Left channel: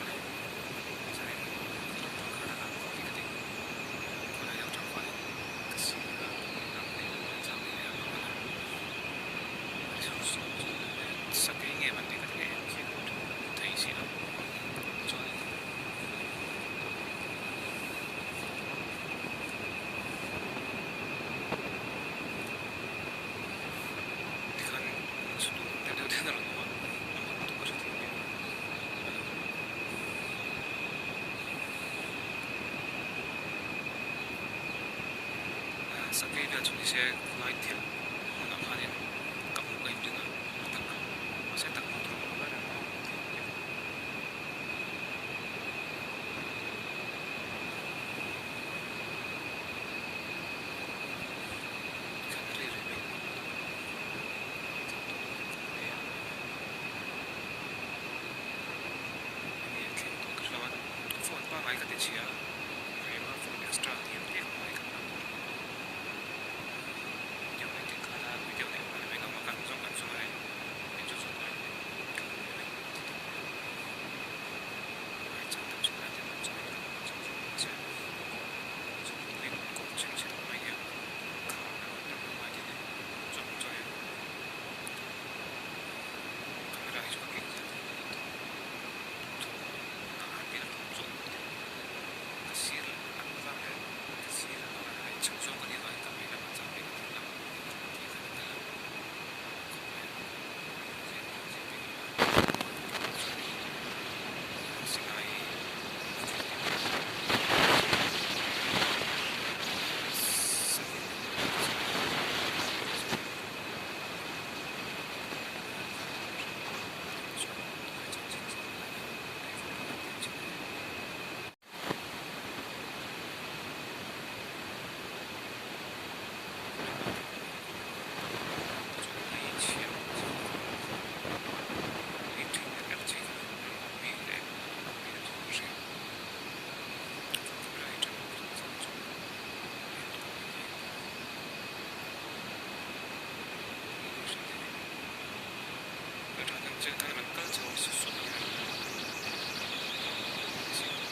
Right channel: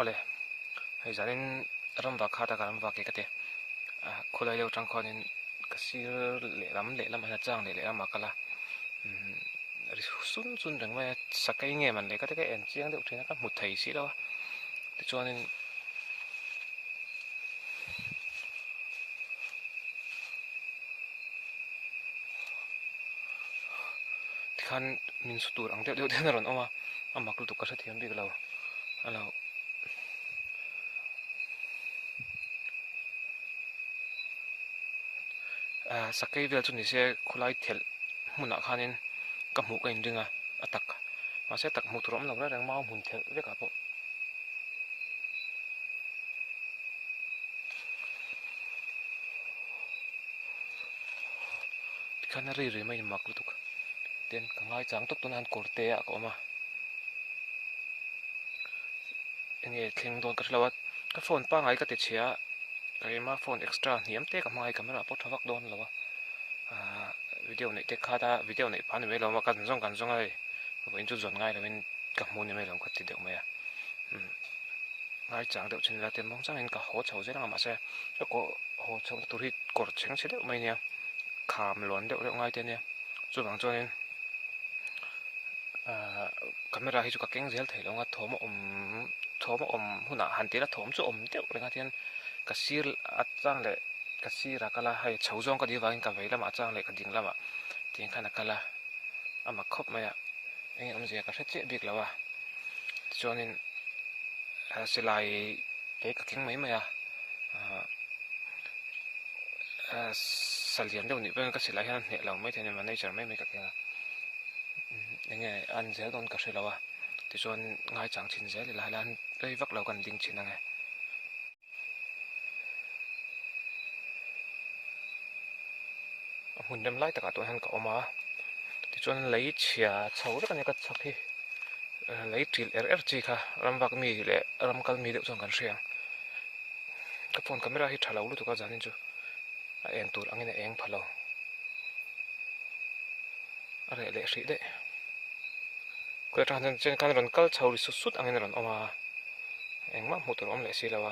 khoale zarin ram va khada karam va ki kate khulai lo tang kholin kasi lam le lam na jang le ama kala ri su sun dan wa sakai nge man ne ka te em chiang lo thong ka mu thai si lo cho nên kan min sutur ang deu deu na ron ama ko to ka sa ting lo ala sakai bel chu ni se khulai thel mun a khanin ka mu ka indinga atak ma se tak mu turam lo la rang ma mu thel ke ta ko kan ri ri mai ma den ai chang tok tan ko te a ko ma nge kheng don ka hlawat ka phone pa ngai ka te chia ai ma phone extra hiam te ka mai camera po thak don lo video này te khada video này phán về lo ma kan song ai mình chu zon ngai mình ka mu ne lo ti te mai ai chang de chin la ten ma chang ka ho chho se na ma se ko ho chho tu ri ko chang se de mai ne kham lon de lo ngai te ne chu bang cho nên camera hi chu ka keng zel thai lo nga thom huna han te la thom chu te ko na ten ka sir at chang le ka sira kala hai chho jong ka di wa ka ve la ma chang le ka tin la ma ti kana kala ama khop ma ya ni ang je ka che bik la wa cho nên silai te thing nei ma ya salian de ni pe ka silai ha ka mai ka ne sa mai nghe anh sẽ không được sự đâu cho ngay chẳng chính sẽ là anh đây bắt đầu cần tiến trình này mình đem lại tất cả tụi anh có mà cho anh lấy chìa xấu rất là nhiều cái lấy tiền RFG cả ram bạc mì để ram cal mì để trong cái xe cái phone camera hít thả lâu được tụi ta chẳng chú em tụi anh này em phải lâu để sĩ đấy cái thằng trên cái lần câu chầu sút sút anh này là mà em mắc một cái ông này xí đâu à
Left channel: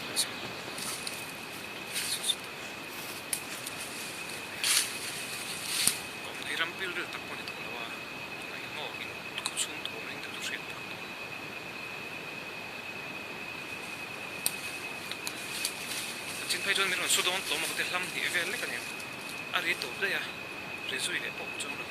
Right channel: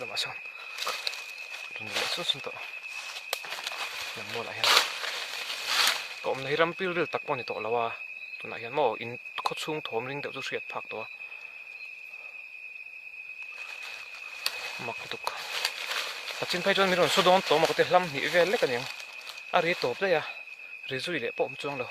rồi mà xong sút sút đó em mua lại có ông này ram pil được tập bọn này tổ là wa tụi này em mua in cốt sung thom ring được rút sẹt phạc đó mặc tục trên phải cho mình rồi số đó tổ mà có thể làm gì về lấy cái này ri top đấy à ri zui le pom chung lo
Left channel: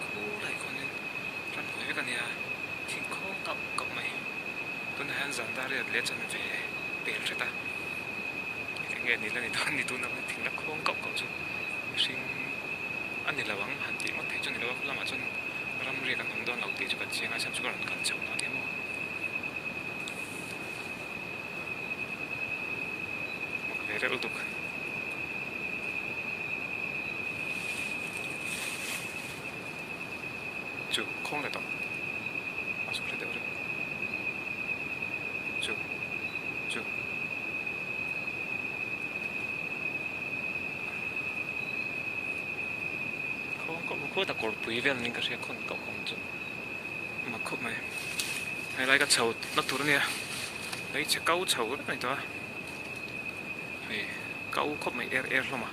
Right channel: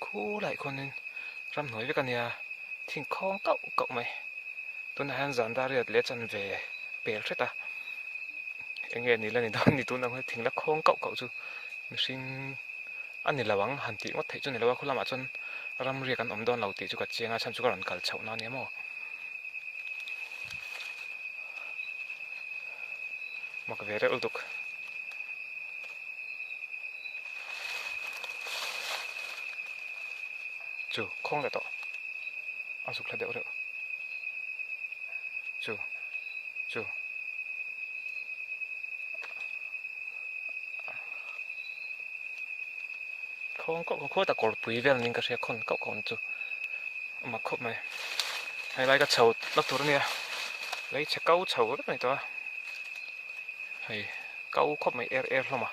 khu lại con nên ram nói với cái này à thỉnh không cậu mày tôi nói hắn dàn ra rồi lấy chân về bể chết à cái nghề này là này đó thì tôi nói thỉnh là không cậu chứ xin anh này là vắng hẳn chỉ mất thấy cho này là không làm mà chân ram riêng anh don đầu tiên cho cả chiang ai xem cho cả lần cả chậu nó nhé mà cái về đấy ưu tục chú không lại đó anh chụp lại đều rồi chú không có ta còn bùi về nên cái sẽ không cậu còn chút mà khóc mày hay lại cái chầu lắc thua nè lấy chiếc câu chầu rất này to hay câu khóc mày er không à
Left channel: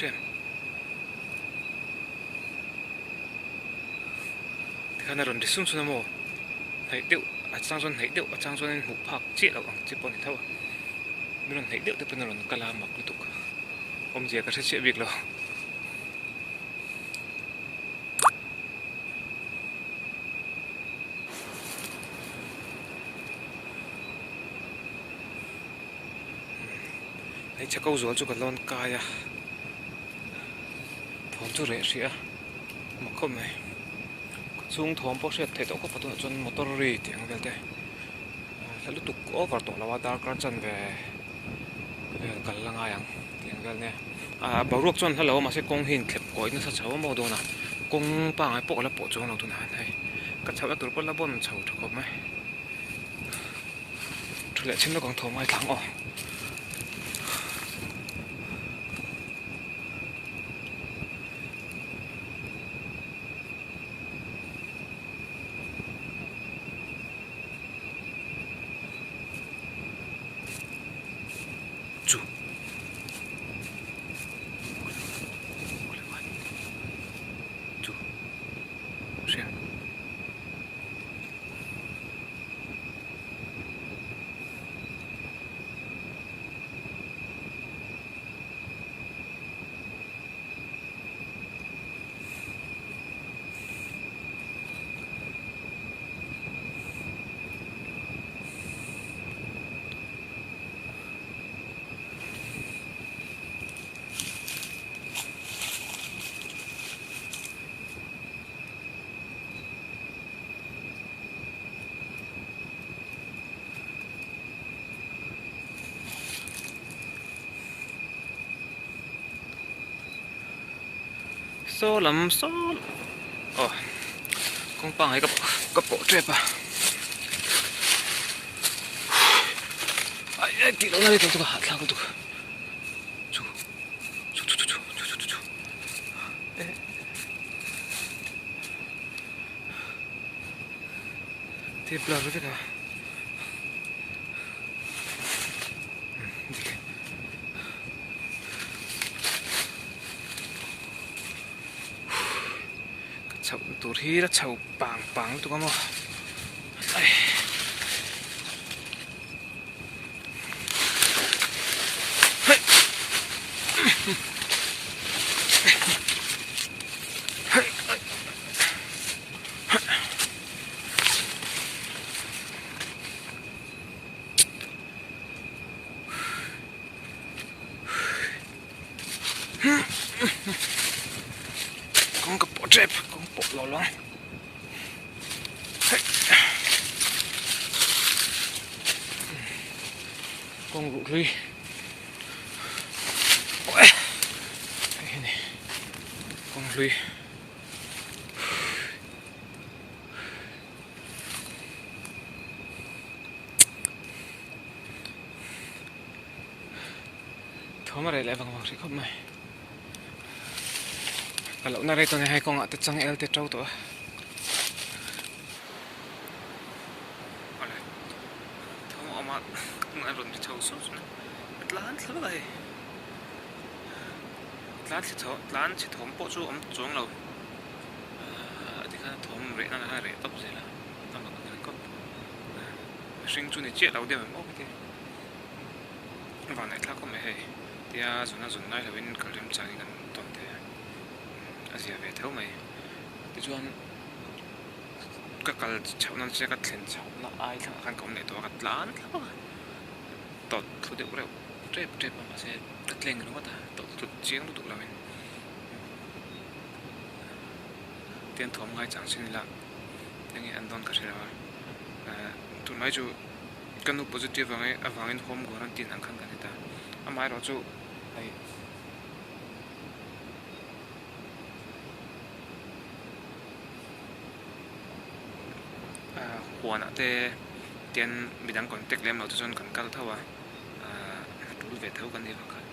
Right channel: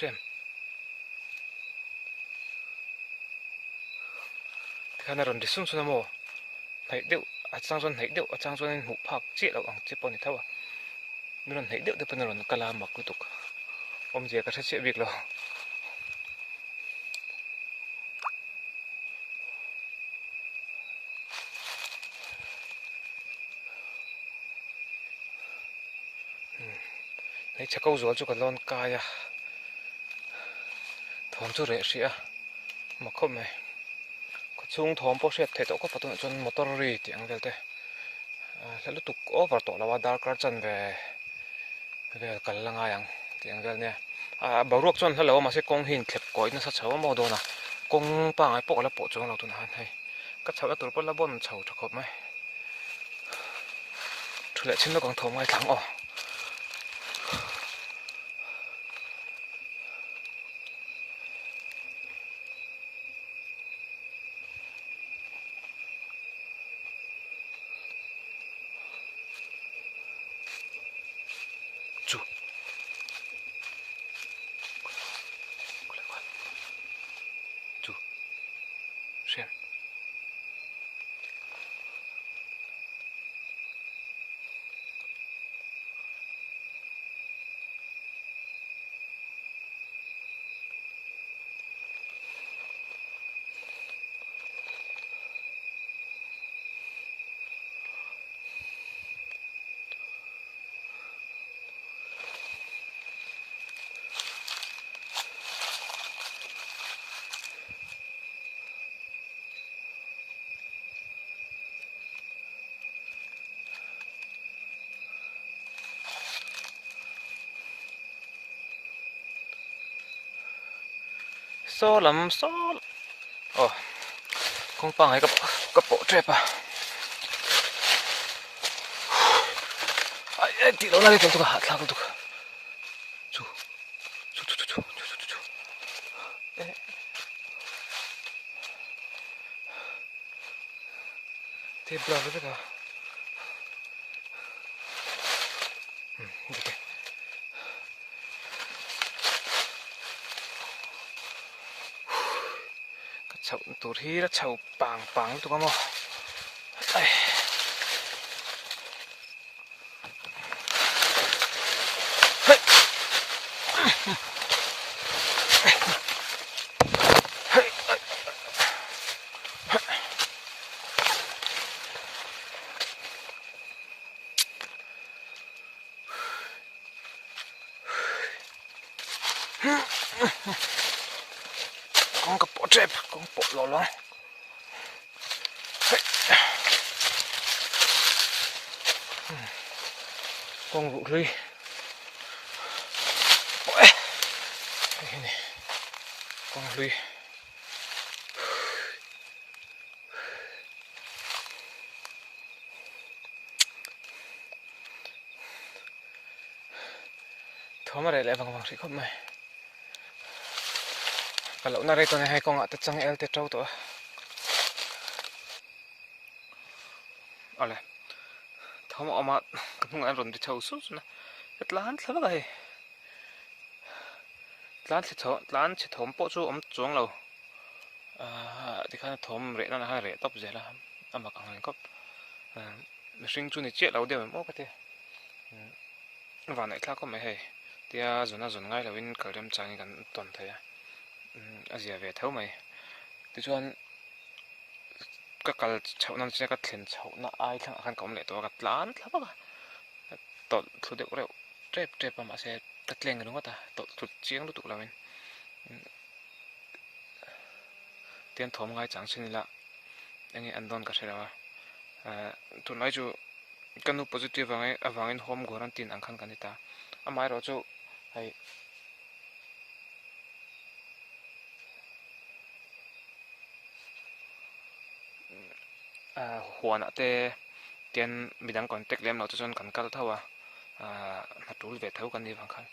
xem cái này rồi đi xuống xuống nào thấy điệu ở trang xuân thấy điệu ở trang xuân hụt phạc chết đâu bằng chết bọn này thôi nên thấy điệu từ bên rồi cái làm mặc cứ tục ông già cái sẽ việc rồi lấy chắc câu rồi cho cái lon cay à thom cho rẻ xí à mà không này xuống thom bao nhiêu thế đâu có bắt được chân motor rồi tiếng cái thế lúc tục over tổ là vào cái chân về cái là ngay ang tiếng cái nè bảo ruột chân hello mà sẽ công hình kẹp coi nó sao cháu mà đồ nè công bằng ai bỏ là bỏ chỗ nào tụi này hay cái cháu tụi nó là bọn cháu thật không mấy thôi lại trên nó còn thom ai thắng chú chú xem số lắm số con bằng ấy cái bộ trẹp à ai kỹ nó lại cái hạt sao được chú thế bla cái này chậu tụi thi nó chậu bảng tụi con mà con cái bộ trẹp con bộ lò lon con vụ ly con ly thó mà để lại bằng sẽ không mày cả lỗ này tôi này hay con ạ tất trăng el tết trâu tụi lại thó mà không ăn rồi thì trâu sốt nữa bật lán sao vậy lán chỉ thom bộ chú chuông lâu thì cái thom rễ nó là hai rễ tóc rễ là tao mặc cái cốc sinh chú này chết lâu điểm mà cái và này khác có mấy hay thì dồn ngay là bên cả đêm sáng gần tuần thế gì về theo mày thì chọn các cái cháu năm sẽ các thiền cháu nó ai thằng ăn cơm này tôi các lán lắm à tọt thôi được rồi trep mà sẽ cắt lên cái đó ta tọt tụt chiếng tụt là mình tiền thom ngay chẳng xin là những anh đón cả sẽ là tụi nói chú cái nụ positive vàng in home của anh tiền ăn khăn cái này ta mai đó chú hayหัวน่ะแต่เตียนมีดังก่อนเต็กเล่มเราจะจนกันกัลเท่าว่ารู้เวทเท่ากันที่ฟังกัน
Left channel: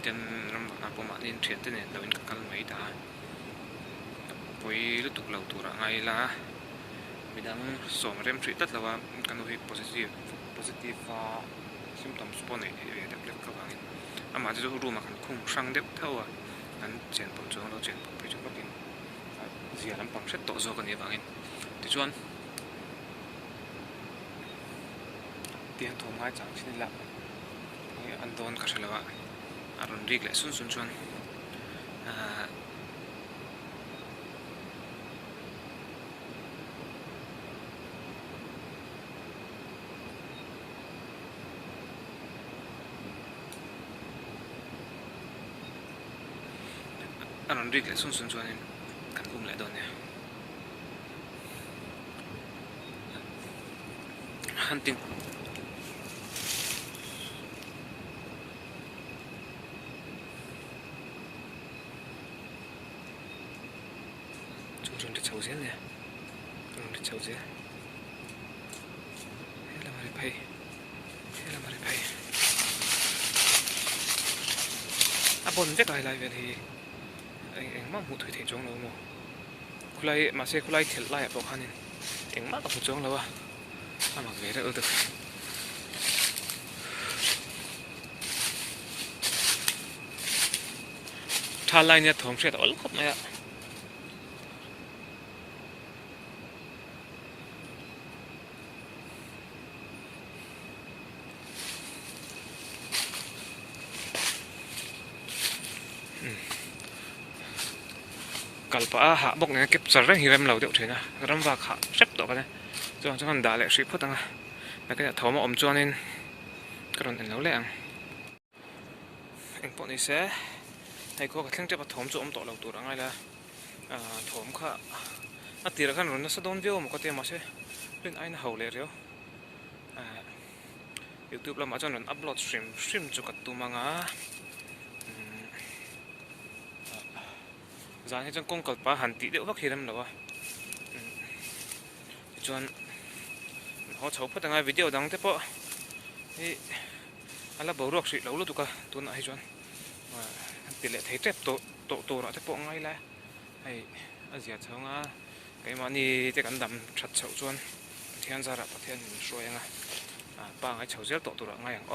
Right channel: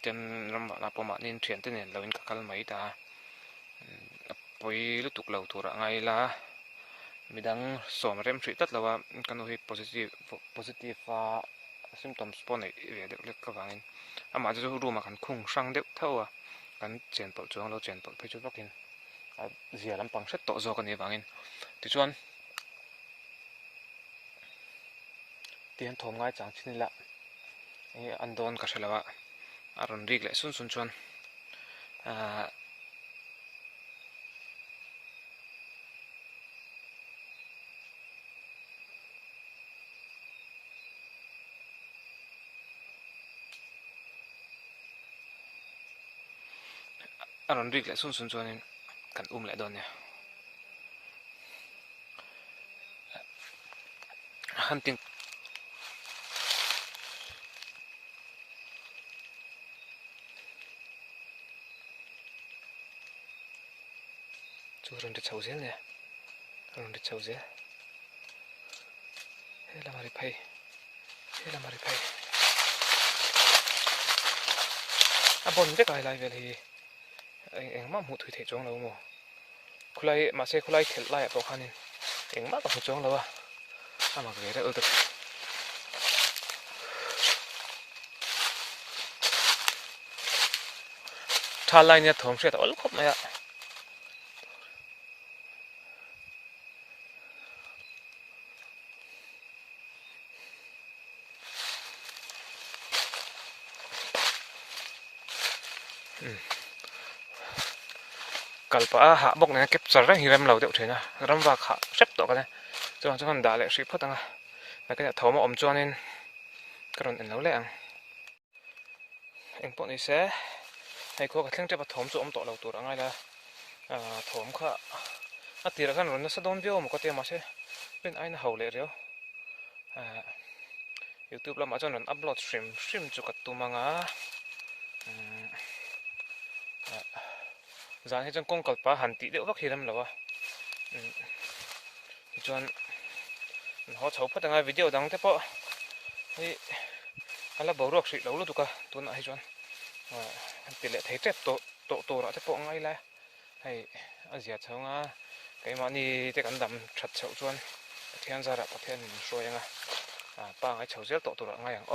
เตียนลำบากนะประมาณนี้เทียนเต้นเนี่ยเราเป็นกัลไม่ได้ไปรู้ตุกเราตัวไงล่ะมีดังสองเริ่มทรีตแล้วว่ากันดูให้ positive symptoms ปนในเด็กเล็กก็ฟังกันมาจะรู้มากันคงช่างเด็กเท่าว่ากันเจนปวดจวงเราเจนปวดไปจุกกินเสียลำปังเสร็จต่อจอกันที่ฟังกันที่ชวนเตียนทมง่ายจังที่นี่ละนี่อันโดนก็ใช่แล้วว่าอารมณ์รีกเลยสุนชวน anon rik le sun chuanin kan le don ne hunting churon de chauzel ne ron de chauzel hela mari phai abon ve kai lai vel hi eng ma mu thui the chong lo mo khulai ma se khulai thel lai pok hanin eng ma ka hu chong lo wa ama ve ra ul ta tha lai ne thom hret ol khop mai a kalpa ha bok ne kep char hi ram lo deuh thena ram wa kha sep to ka ne chuan chuan da le hri phutanga na ka thawma om chuanin karon en lo le ang eng po ni se hei ko ka thleng te pa thawm chu om to lo tur angai la thawm kha a tira khan ron na sadon view mo ka te ma se len aina ho le rio YouTube la ma chuan ron upload stream chu ka tu manga zan he chang kong kalpa han ti deuh vak hiram lawa chuan ho chho phatanga video dang te po hi ala borok hri lo lu tuka tun a hi chuan ti le thei tep to ra te po ngai la hei azia chhonga keima ni te kan dam that chho chuan thian zara pathian hroyanga pa ngai chhozel to tur ngai ang